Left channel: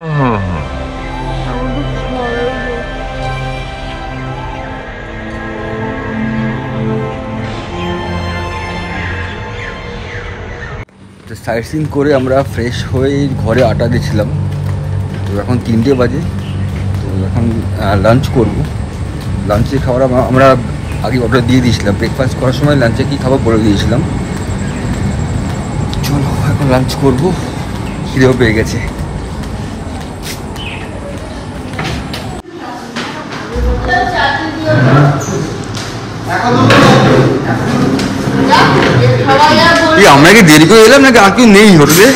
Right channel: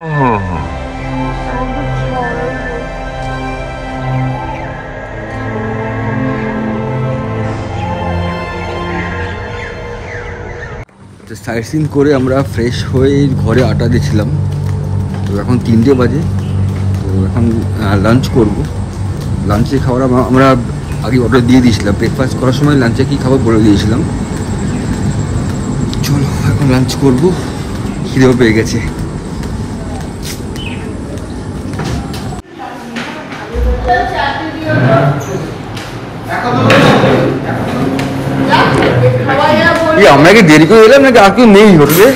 Site scene করে আমরা fresh হয়ে ঘরে আটা দিয়েছিলাম। তো এখন 3টে বাজে। তো এখন লাঞ্চ করব। লাঞ্চে খাবার আমরা আগে অর্ডার দিয়ে দিয়েছিলাম। ব্রেকফাস্ট করার সময় লাঞ্চে কী খাবো বলে দিয়েছিলাম। চলো এখন লাঞ্চ করব, খিদেও পেয়ে গেছে। আমরা কি দেরি করে এলাম নাকি আর কেউ নেই হোটেলে?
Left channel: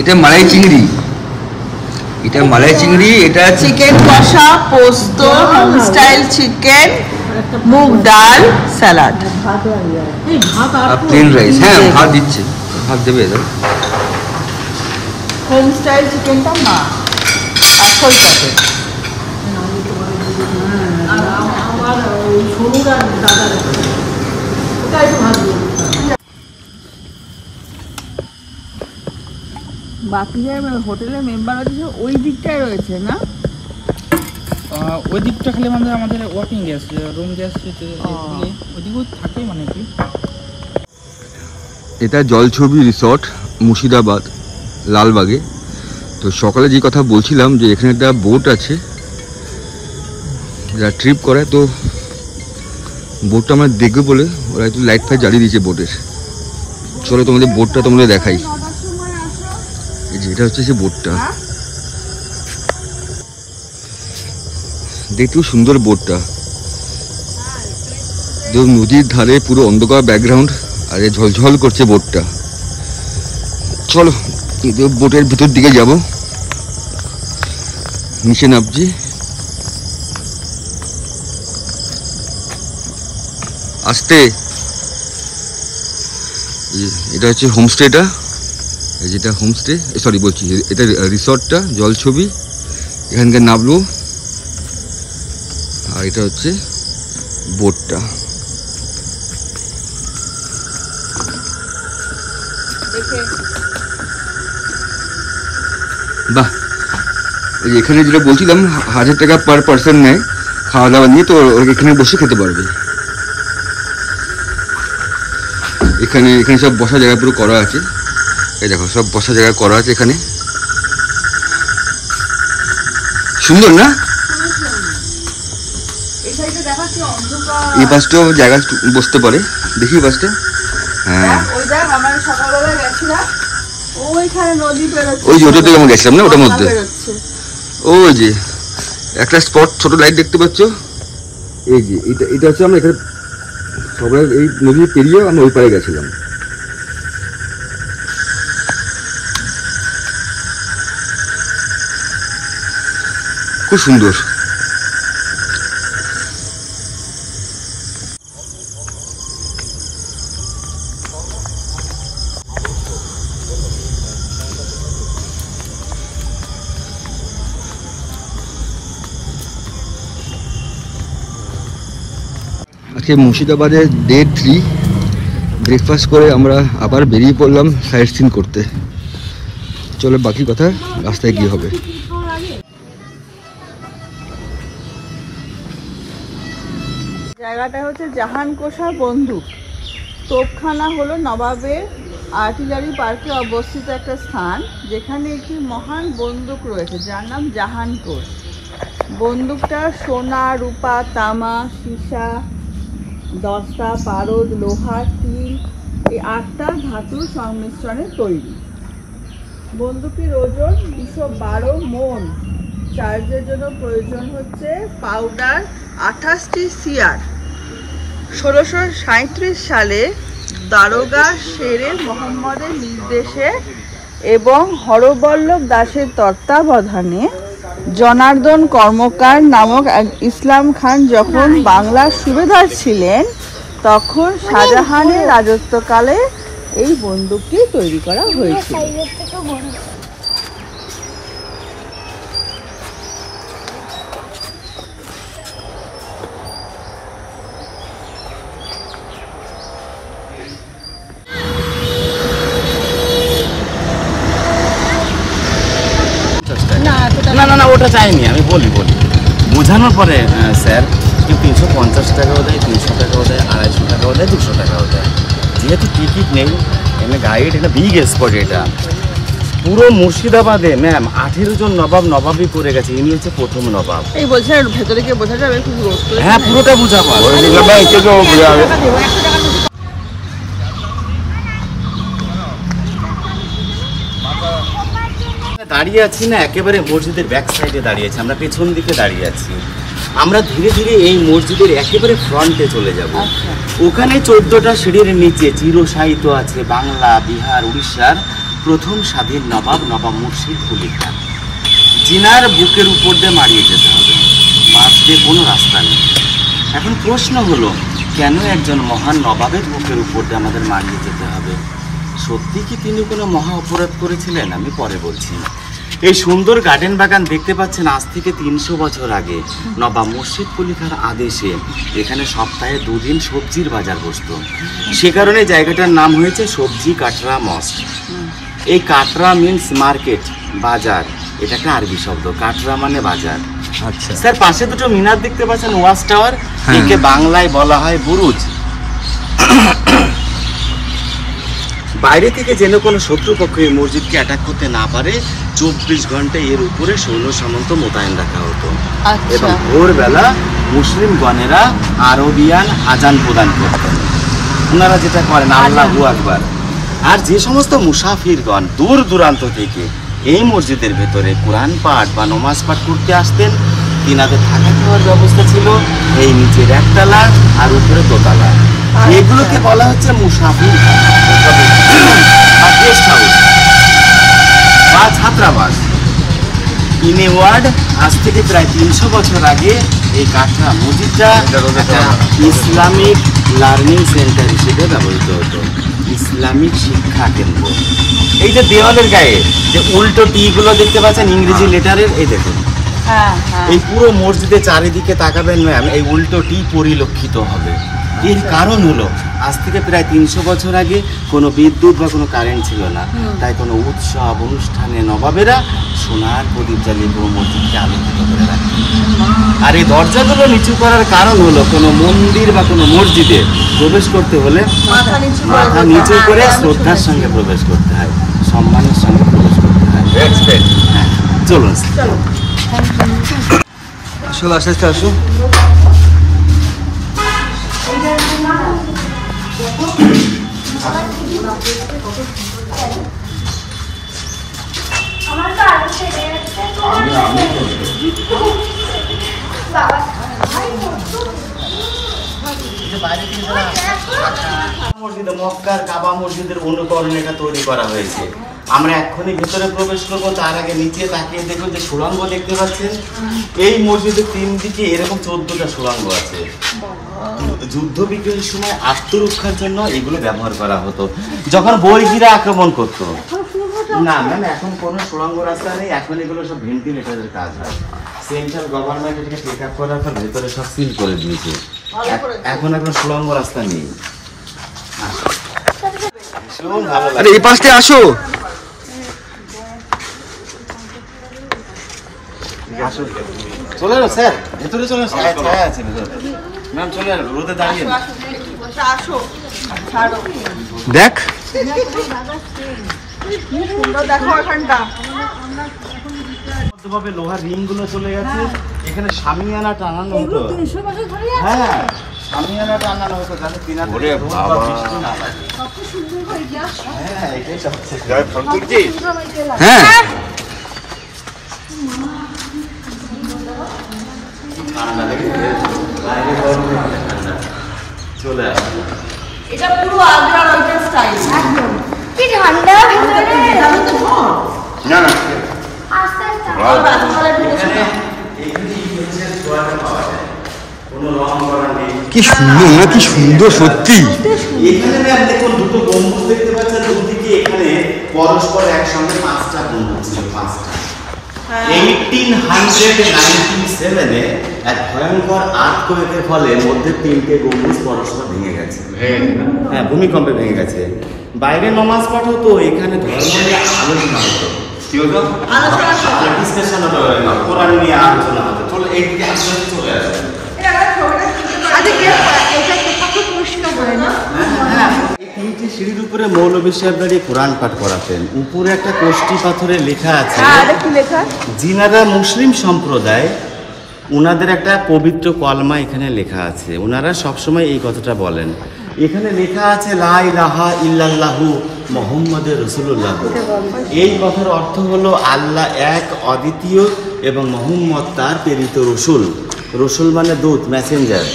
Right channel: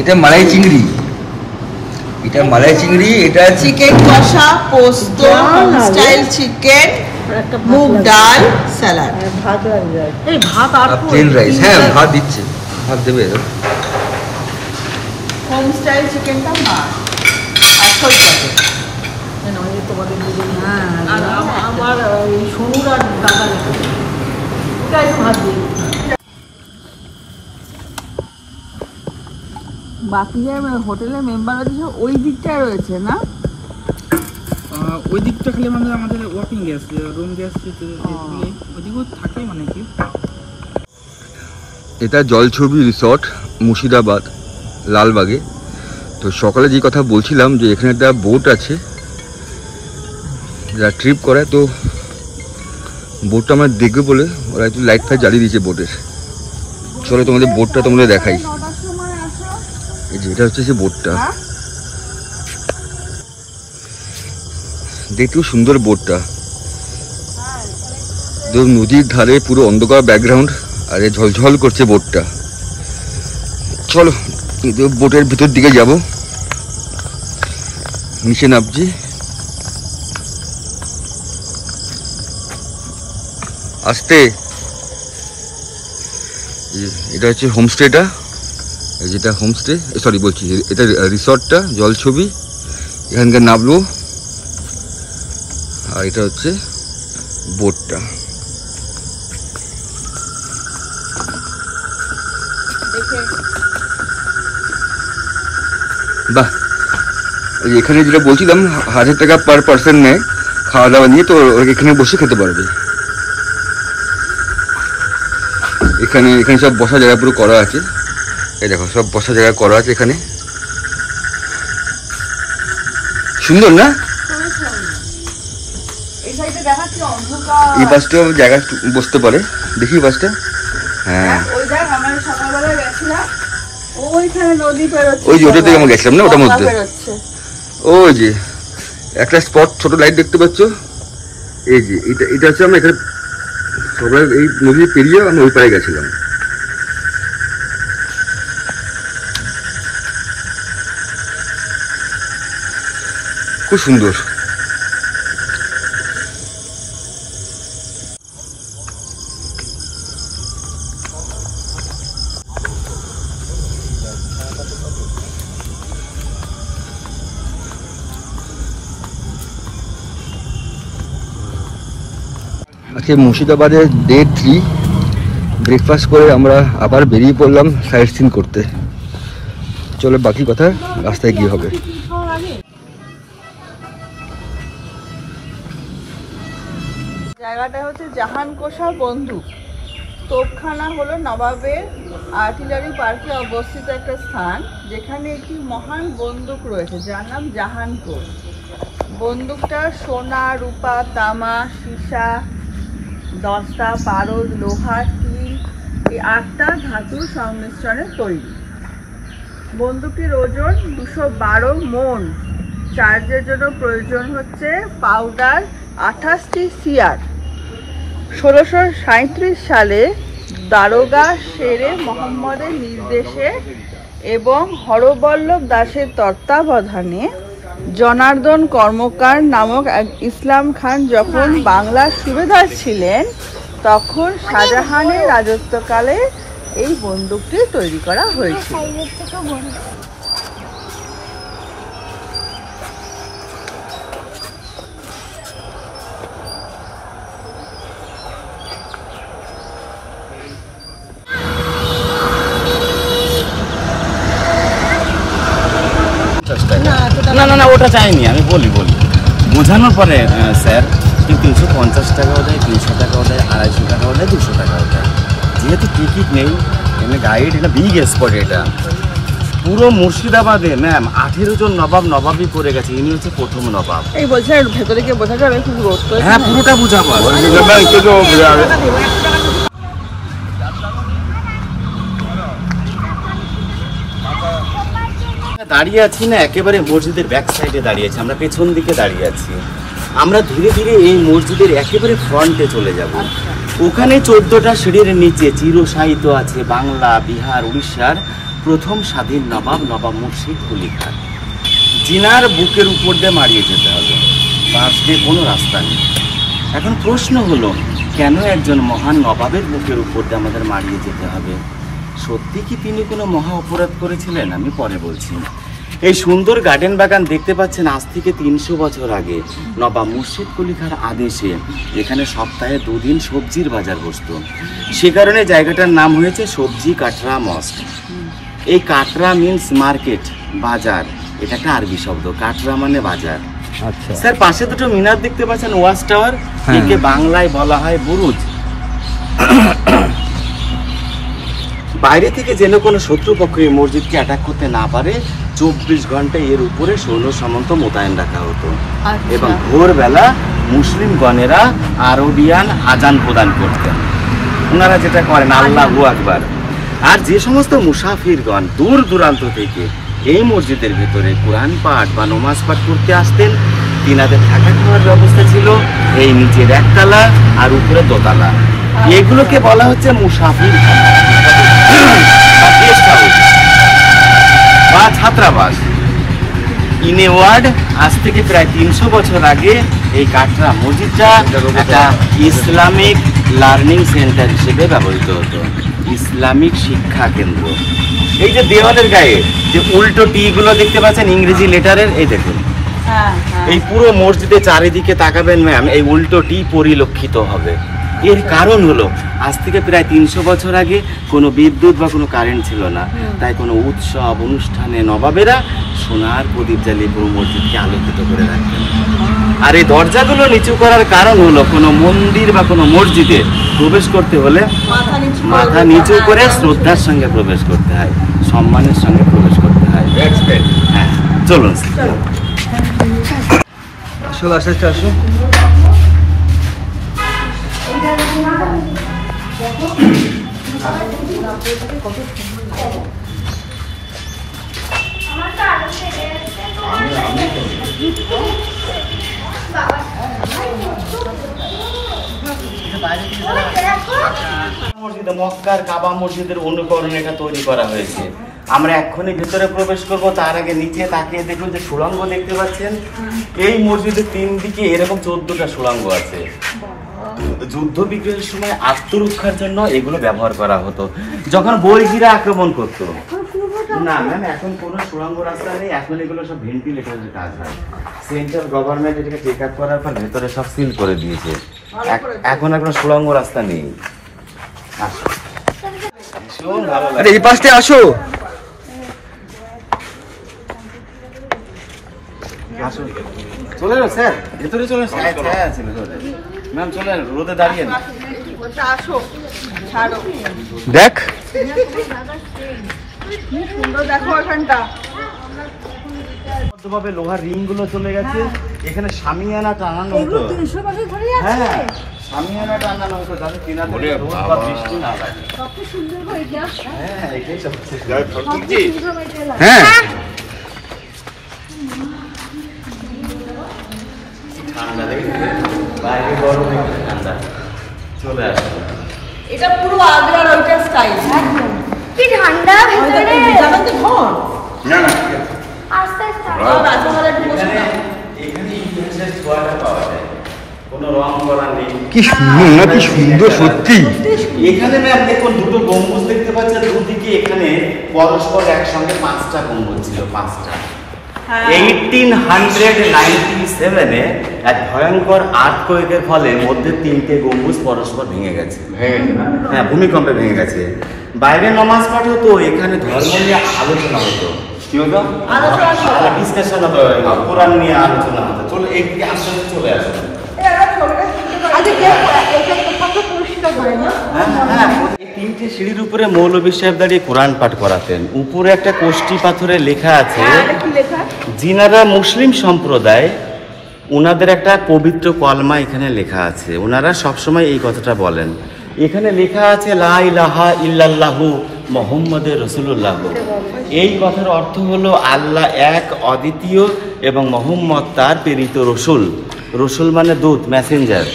এটা মালাই চিংড়ি, এটা মালাই চিংড়ি, এটা চিকেন কষা, পোস্ত, স্টাইল চিকেন, মুগ ডাল, স্যালাড, প্লেন রাইস। হ্যাঁ ভাত দিচ্ছে, ভাত দেবে। হোম স্টাইল চিকেনটা মা আসল কাটে। আমার সোনুর আর দাদা ওটা একটু ভাত দিয়ে বাকি যে হোটেলের মেম্বার আছে ওই দিকটায় রয়েছে না? ওই দিকটা খালি আমাদের ওয়ার্কিং গ্যাস, রুম গ্যাস ওইদিকেও থাকে মানে কি। এটা জলছবি রিসর্ট, মুর্শিদাবাদ, লালবাগে। তো সকালে যে কথা বলছিলাম যে এখানে একটা বোট আছে যারা ট্রিপ করে, তো বোটটা আমরা দেখবে বলে ওরা একটু লাইট ফাইট জ্বালিয়ে দিয়েছে বোটের। চলো তোমাদের বোটটা তোমাদের দেখাই। এই যে এটা হচ্ছে সে বোটটা, দেখতে খুব সুন্দর বোটটা। নদীর ধারে পুরো অন্ধকার ব্যাকগ্রাউন্ড আর ঝলঝল করছে বোটটা। চলো বোটের ভিতর দিকে যাব, নিচে নামছি। আসতে এটা হচ্ছে হোমস্টেটা, যেটা হোমস্টে সরি বলছি এটা রিসর্টটা জলছবি। এখানকার নামলো আর এটা হচ্ছে বোটটা। বাহ, এখানে যেটা বলছিলাম 1000 টাকা পার পার্সন নেয় খাওয়া দাওয়া নিয়ে, তো এখানে বসে খেতে পারবে। এখানে এখানে সব বসা জায়গা পুরো করা আছে। এই দেখো সব বসা জায়গা করা আছে এখানে, সুন্দর না? এই বাসটাও জায়গা বসতে পারে, দেখি বাসটা। হ্যাঁ ওই যে ওটা থেকে আমরা গেছিলাম না, ওটার মধ্যে ওই যে একটা স্পট ছোট লাইট দেখতে পাচ্ছ। এই যে এটা এটা হচ্ছে আমরা এখানে সবাই এই নদী পেরিয়ে আমরা ওই পাড়ে গেছিলাম। খুব সুন্দর। আজকে মুর্শিদাবাদের ডে 3 ব্রেকফাস্ট করে আমরা আবার বেরিয়ে পড়লাম সাইট সিন করতে। চলো বাকি কথা রাস্তায় গিয়ে হবে। জায়গাটা হচ্ছে জাহানকোষা বন্দুক তোপখানা, হলো নবাবের আর্টিলারি পার্কে অবস্থিত একটা স্থান, যেখানে একটি মহান বন্দুক রয়েছে যার নাম জাহানকোষ। বন্দুকটা সোনা, রূপা, তামা, সীসা, দস্তা, পারদ, লোহা, স্টিল এই 8টা ধাতুর সংমিশ্রণে তৈরি। বন্দুকের ওজন 212 মন। চার্জের জন্য প্রয়োজন হচ্ছে পাউডার 28টি সিয়ার। 1637 সালে দারোগা শেরে মোহাম্মদের নির্দেশে এবং হরবল্লভ দাসের তত্ত্বাবধানে জনার্দন কর্মকার নামক এক ইসলাম খান যখন বাংলার সুবেদার ছিলেন, তখন শাহজাহানের রাজত্বকালে এই বন্দুকটি তৈরি করা হয়েছিল। ওটা চাইনি, আমি বলি বোঝানোর পরে স্যার কেউ 350 টাকাও দেয়, 300 টাকাও দেয়, 250 টাকাও দেয়, 200 টাকাও দেয়। যেহেতু টিকিট নেই, এখানে গাইড, এটা বিগ স্পট, এটা পুরো মুর্শিদাবাদে ম্যাম 18 জন নবাবই করে গেছে, ইনি হচ্ছে প্রথম নবাব। এই বলছে ভেতরে গিয়ে বোঝা যাবে খুব রোদ তো। হ্যাঁ পুরোটা বুঝাবো। দাঁড়িয়ে আছি না একেবারে মসজিদের ব্যাক সাইডে দাঁড়িয়ে আছি, আমরা পেছন দিকে দাঁড়িয়ে আছি। আমরা ধীরে ধীরে এই মসজিদের একেবারে ফ্রন্টে চলে যাব। ওখানে 14টা সিঁড়ির নিচে চিরসাহিত্য আছে বাংলা, বিহার, উড়িষ্যার প্রথম স্বাধীন নবাব মুর্শিদ কুলি খান, জিনার বুকের উপর দিয়ে মারিয়ে যেতে হবে, পাশ দিয়ে কোনো রাস্তা নেই। এখন প্রশ্ন হলো, কেন একজন মহান নবাবের বুকের উপর দিয়ে আমাদের মারিয়ে যেতে হবে? সত্যি কি তিনি কোনো মহা অপরাধ করেছিলেন? আমি পরে বলছি। এই সুন্দর গার্ডেন বাগান দেখতে পাচ্ছেন, আজ থেকে 300 বছর আগে নবাব মুর্শিদ কুলি খান আদেশে এখানে সপ্তাহে 2 দিন সবজির বাজার বসতো। সে কারণে জায়গাটার নাম হয়েছে সবজি কাটরা মস্ক। এই কাটরা মিন্স মার্কেট, বাজার, এটা একটা আরবি শব্দ, কাটরা মানে বাজার। আচ্ছা স্যার পাশে দুটো মিনার দেখতে পাচ্ছেন, ওয়াচ টাওয়ার, একে বাংলায় বলা হয় বুরুজ। বাইরে থেকে যেন কোনো শত্রুপক্ষ এই মসজিদকে অ্যাটাক করতে না পারে 24 ঘন্টা এর উপরে সৈন্য সামন্ত মোতায়েন রাখা হতো। এবং ভোরবেলা মুসলিমগণেরা আরবিয়ান আজান প্রদান করতেন। ওনারা যেটা করেন আল্লাহু আকবার। আর যে সমস্ত মুসাফিরগণ দূর দূরান্ত থেকে এই মসজিদের ভেতরে কোরআন পাঠ বা নমাজ পাঠ করতে আসতেন, তিনাদের থাকা খাওয়ার ব্যবস্থা ছিল এই নিচের একতলা আর উপরে দোতলা। এগুলোকে বলা হচ্ছে মুসাফির খানা বা গেস্ট হাউস বা ছাত্রাবাস। ইন এ ওয়ার্ড, আজ থেকে প্রায় 300 বছর আগে এই কাটরা মসজিদটা একটা ইসলামিক লার্নিং সেন্টার হিসেবে ব্যবহৃত হতো, ইসলামিক শিক্ষা কেন্দ্র। এই যে দেওয়ালের গায়ে যে উল্টো টি গুলো দেখতে পাচ্ছেন ইংরেজি লেটারের, এই দেখুন, এই পুরো মসজিদে চারিদিকে তাকাবেন ম্যাম, এই উল্টো টি পরিলক্ষিত হবে। এর কারণ হলো, আজ থেকে প্রায় 300 বছর আগে কোনো বিদ্যুৎ বা কোনো কারেন্ট ছিল না, তাই কোনো উৎসব অনুষ্ঠানে নবাবেরা সোনার প্রদীপ জ্বালিয়ে পুরো মসজিদকে আলোকিত করে রাখতেন। আর এই দরজাগুলো নিচু করার কারণ হলো, কোনো মন্দির বা কোনো মসজিদে প্রবেশ করতে হলে মাথা নিচু করে শ্রদ্ধার সঙ্গে প্রবেশ করতে হয়, সম্মানের সঙ্গে প্রবেশ করতে হয়। হ্যাঁ চলুন আসো, আস্তে আস্তে আসো। মসজিদে মক্কার কাবা মসজিদের অনুকরণে এটা তৈরি করা হয়েছে। আমরা এক্ষুনি ভিতরে প্রবেশ করব, তার আগে নিচে তাকিয়ে দেখুন যে সুড়ঙ্গ দেখতে পাচ্ছেন। এই মসজিদের 3 দিকে এরকম 14টা সুড়ঙ্গ আছে। যুদ্ধ বিগ্রহের সময় আত্মরক্ষার জন্য এগুলো ব্যবহার করা হতো, যখন বর্গীরা আক্রমণ করতো। না মানে এখন কোনো সুড়ঙ্গ রাস্তা নেই, এখন এগুলো সব ভেন্টিলেটরের কাজ হয়। সেন্ট্রাল গভর্নমেন্ট এটাকে টেক আপ করার পর ভেতরে সব সিল করে দিয়েছে, এখন আর কোনো সুড়ঙ্গ রাস্তা নেই। আরে এই পাশে আসো। চলে এলো স্যার, ভেতরে চলে ছায়া আছে ভেতরে। ম্যাম চলে এলো, রোদে দাঁড়িয়ে না। আসো, ছাড়ো, দেখ দেখো এখানটা ভাবে লোহার রিং গুলো চলে গেছে। এখানে শামিয়ানা টানানো হতো। হ্যাঁ শামিয়ানা টানানো হতো, যাতে তিনাদের রোদ বা বৃষ্টি না লাগে। হ্যাঁ এটাই সবচেয়ে হ্যাঁ চলে আসে। এটা পুরো আগ্রার ওইটার স্টাইল। কি ঠান্ডা ভিতরে যাবে তো ঘর না না আস্তে আস্তে রাজমহলে বসে না। কি সুন্দর না, কি সুন্দর সত্যি। এখানে ম্যাম দেখুন দুটো গম্বুজ দেখতে পাচ্ছেন, দুদিকে এখানে পরস্পর একসঙ্গে 5টা গম্বুজ ছিল, 5টা। 1897-এ এক ভয়ঙ্কর আর্থকোয়েকের ফলে মধ্যে 3টে গম্বুজ পরস্পর ভেঙে গেছে। হ্যাঁ ভূমিকম্পে ভেঙে গেছে। বাইরে নমাজ পাঠ হতো, এখানে ধর্ম নিয়ে আলোচনা হতো। কি হলো? ডিসকাশন হবে, কোরআন নিয়ে আলোচনা হবে। চলো এইদিকে আস্তে আস্তে চলে আসবে। এই 3টে সিঁড়ির উপরে মৌলভী সাহেব দাঁড়িয়ে কোরআন পাঠ করাতেন। উপরে একটা কোষ্ঠী পাথরে লেখা আছে, যিনারা মুসলিম সম্প্রদায়, ওনাদের একটা পবিত্র কলমা এখানে লেখা আছে। ওনারা সবসময় এই কথাটা বলেন। এখানে লেখা আছে লা ইলাহা ইল্লাল্লাহু মুহাম্মাদুর রাসূলুল্লাহ। এই কথার অর্থ হলো আল্লাহ এক, অদ্বিতীয়, এবং মুহাম্মদ তার প্রেরিত রসুল। রসুল মানে দূত, Messenger.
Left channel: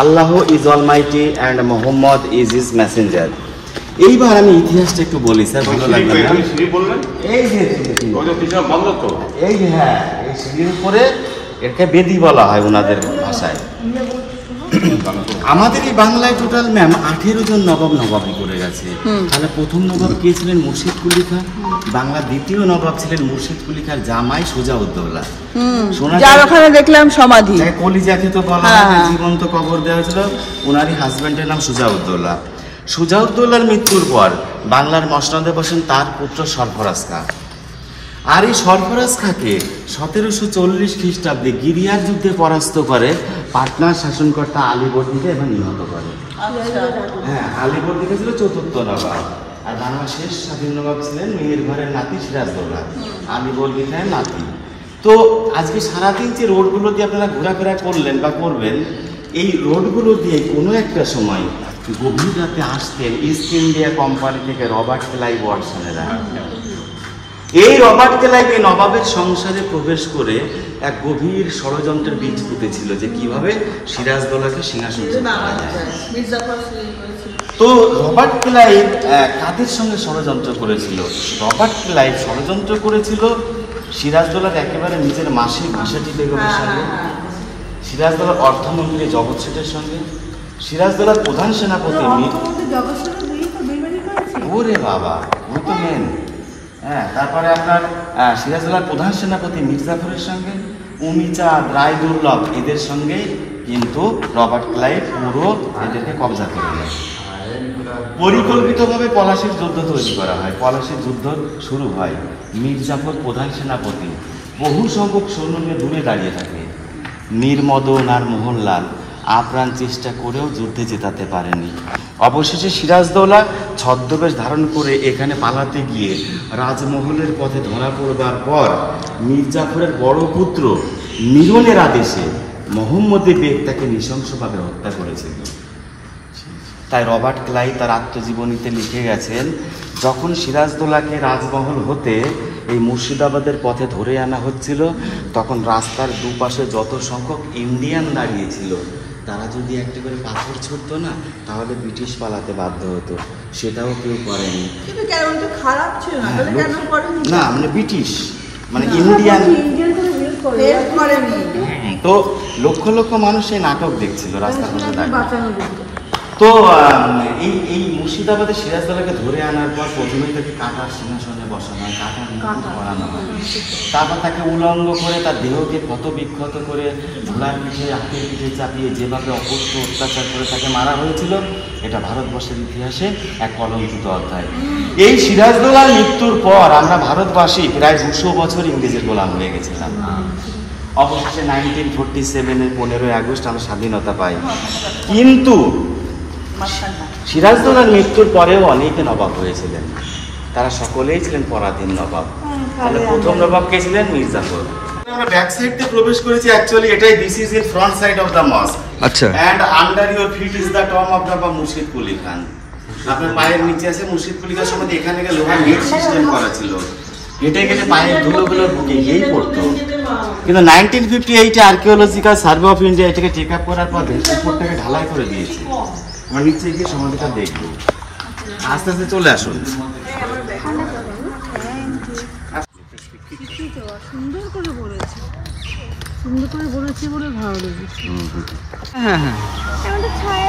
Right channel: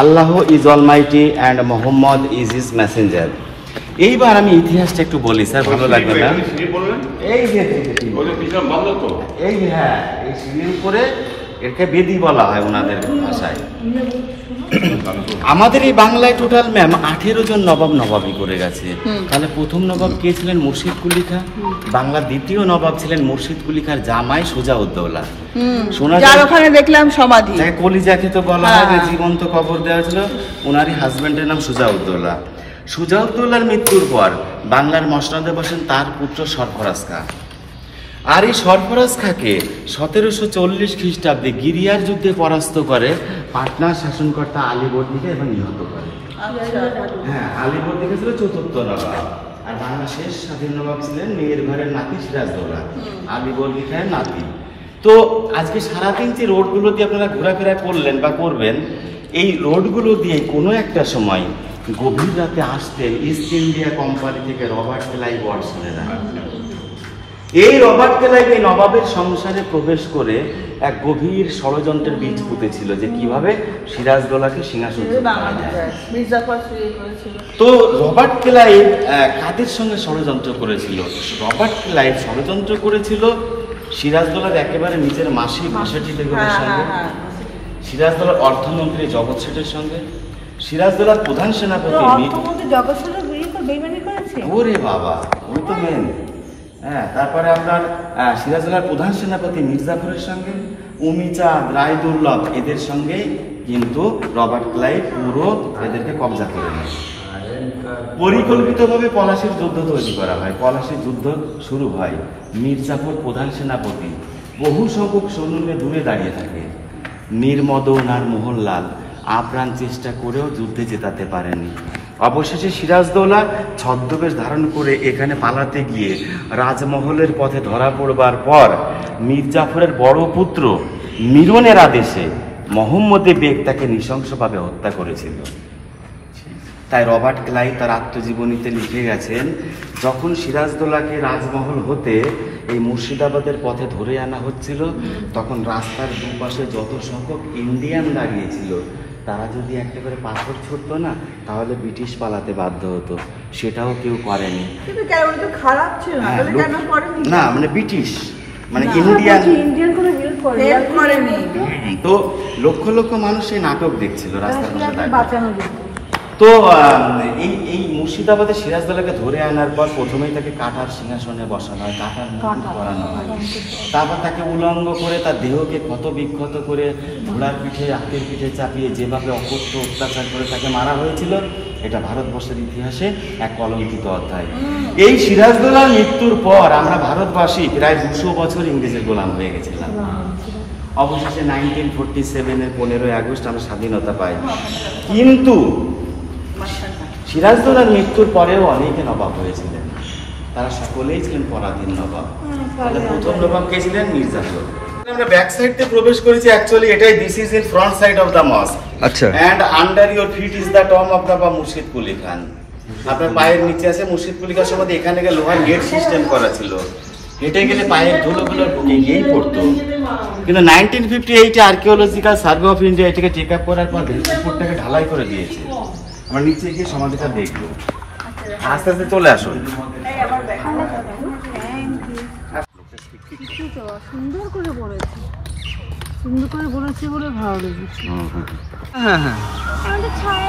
Allah is Almighty and Muhammad is his Messenger. এইবার আমি ইতিহাসটা একটু বলি স্যার, ভালো লাগবে না? এই যে এই যে হ্যাঁ, এই সিঁড়ির উপরে একে বেদি বলা হয় ওনাদের ভাষায়। আমাদের এই বাংলায় টোটাল ম্যাম 18 জন নবাবী করে গেছে। তাহলে প্রথম নবাব কে ছিলেন? মুর্শিদ কুলি খাঁ। বাংলার দ্বিতীয় নবাব ছিলেন মুর্শিদ কুলি খাঁর জামাই সুজাউদ্দৌলা। শোনা যায় ওখানে দেখলাম সমাধি, কলিজাকে তো বলা হয় যে জীবন্ত কবর দেওয়া হয়েছিল। ওনারই হাজবেন্ডের নাম সুজাউদ্দৌলা। সুজাউদ্দৌলার মৃত্যুর পর বাংলার মসনদে বসেন তার পুত্র সরফরাজ খাঁ। আর এই সরফরাজ খাঁকে 1740 খ্রিস্টাব্দে গিরিয়ার যুদ্ধে পরাস্ত করে পাটনার শাসনকর্তা আলীবর্দীকে এবং নিহত করে। হ্যাঁ, আলীবর্দীকে ছিল চতুর্থ নবাব, আর বাংলার শেষ স্বাধীন নবাব ছিলেন মেয়ের ঘরের নাতি সিরাজদৌল্লা, আলীবর্দী খাঁয়ের নাতি। তো আজকে সারাদিন যে রোডগুলো দিয়ে আপনারা ঘোরাফেরা করলেন বা করবেন, এই রোডগুলো দিয়ে কোনো একটা সময় গভীর রাতে আসতেন ইস্ট ইন্ডিয়া কোম্পানি থেকে রবার্ট ক্লাইভ ওয়াটসনেরা। এই রবার্ট ক্লাইভ এই নবাবের সংসারে প্রবেশ করে এক গভীর ষড়যন্ত্রের বীজ পুঁতেছিল যে কিভাবে সিরাজদৌলাকে সিংহাসনচ্যুত করা যায়। তো রবার্ট ক্লাইভ কাদের সঙ্গে ষড়যন্ত্র করেছিল? রবার্ট ক্লাইভ ষড়যন্ত্র করেছিল সিরাজদৌলার একেবারে নিজের মাসি ঘাসেটি বেগমের সঙ্গে, সিরাজদৌলার অর্থমন্ত্রী জগৎ শেঠের সঙ্গে, সিরাজদৌলার প্রধান সেনাপতি। ওরে বাবা, ওই তো মেন। হ্যাঁ, তারপরে আপনার সিরাজদৌলার প্রধান সেনাপতি মির্জাফরের সঙ্গে, উমিচাঁদ, রায়দুর্লভ, এদের সঙ্গে কিন্তু রবার্ট ক্লাইভ পুরো এদেরকে কবজা করে নেয়। পরিকল্পিতভাবে পলাশির যুদ্ধ তৈরি করা হয়। পলাশির যুদ্ধ শুরু হয়, মির্জাফর প্রধান সেনাপতি বহু সংখ্যক সৈন্য নিয়ে দূরে দাঁড়িয়ে থাকে। মীর মদন আর মোহনলাল আপ্রাণ চেষ্টা করেও যুদ্ধে জেতাতে পারেনি। অবশেষে সিরাজদৌলা ছদ্মবেশ ধারণ করে এখানে পালাতে গিয়ে রাজমহলের পথে ধরা পড়বার পর মির্জাফরের বড় পুত্র মিরনের আদেশে মোহাম্মদে বেগ তাকে নৃশংসভাবে হত্যা করেছিল। তাই রবার্ট ক্লাইভ তার আত্মজীবনীতে লিখে গেছেন, যখন সিরাজদৌলাকে রাজমহল হতে এই মুর্শিদাবাদের পথে ধরে আনা হচ্ছিল, তখন রাস্তার দুপাশে যত সংখ্যক ইন্ডিয়ান দাঁড়িয়েছিল, তারা যদি একটা করে পাথর ছুড়তো না, তাহলে ব্রিটিশ পালাতে বাধ্য হতো। সেটাও কেউ করেনি। হ্যাঁ, না মানে ব্রিটিশ মানে ইন্ডিয়ান। তো লক্ষ লক্ষ মানুষ এই নাটক দেখছিল রাস্তার মধ্যে দাঁড়িয়ে। তো এই মুর্শিদাবাদে সিরাজদৌলাকে ধরে আনার পর প্রথমেই তাকে কাটার সিংহাসনে বসানো হয়, কাটার মুকুট পরানো হয়। তারপর তাকে উলঙ্গ করে তার দেহকে ক্ষত বিক্ষত করে ঘোড়ার পিঠে, হাতের পিঠে চাপিয়ে যেভাবে অকথ্য অত্যাচার করে তাকে মারা হয়েছিল, এটা ভারতবর্ষের ইতিহাসে এক কলঙ্কিত অধ্যায়। এই সিরাজদৌলার মৃত্যুর পর আমরা ভারতবাসী প্রায় 200 বছর ইংরেজের গোলাম হয়ে গেছিলাম। অবশেষে 1947-এর 15ই আগস্ট আমরা স্বাধীনতা পাই। কিন্তু সিরাজদৌলার মৃত্যুর পরেও অনেকে নবাব হয়েছিলেন, তারা সকলেই ছিলেন পরাধীন নবাব। তাহলে প্রথম নবাব কে ছিলেন? মির্জাফর। আমরা ব্যাক সাইড থেকে প্রবেশ করেছি, অ্যাকচুয়ালি এটাই this is in front side of the mosque. আচ্ছা। And under your feet is the tomb of Nawab Murshid Quli খান। আপনার পায়ের নিচে আছে মুর্শিদ কুলি খান। সময় এখানে লোহার নেট সিস্টেম করা ছিল, হেঁটে গেলে পায়ের ধুলোগুলো গিয়েই পড়তো। কিন্তু 1958-এ আর্কিওলজিক্যাল সার্ভে অফ ইন্ডিয়া এটাকে টেক আপ করার পর উপরটাকে ঢালাই করে দিয়েছে। আমরা নিচে গিয়ে সমাধিটা দেখবো। আস্তে আস্তে চলে আসুন। সুন্দর করে বলেছে, সুন্দর করে বলেছে বলে ভালো লেগেছে। হ্যাঁ হ্যাঁ, ছায়া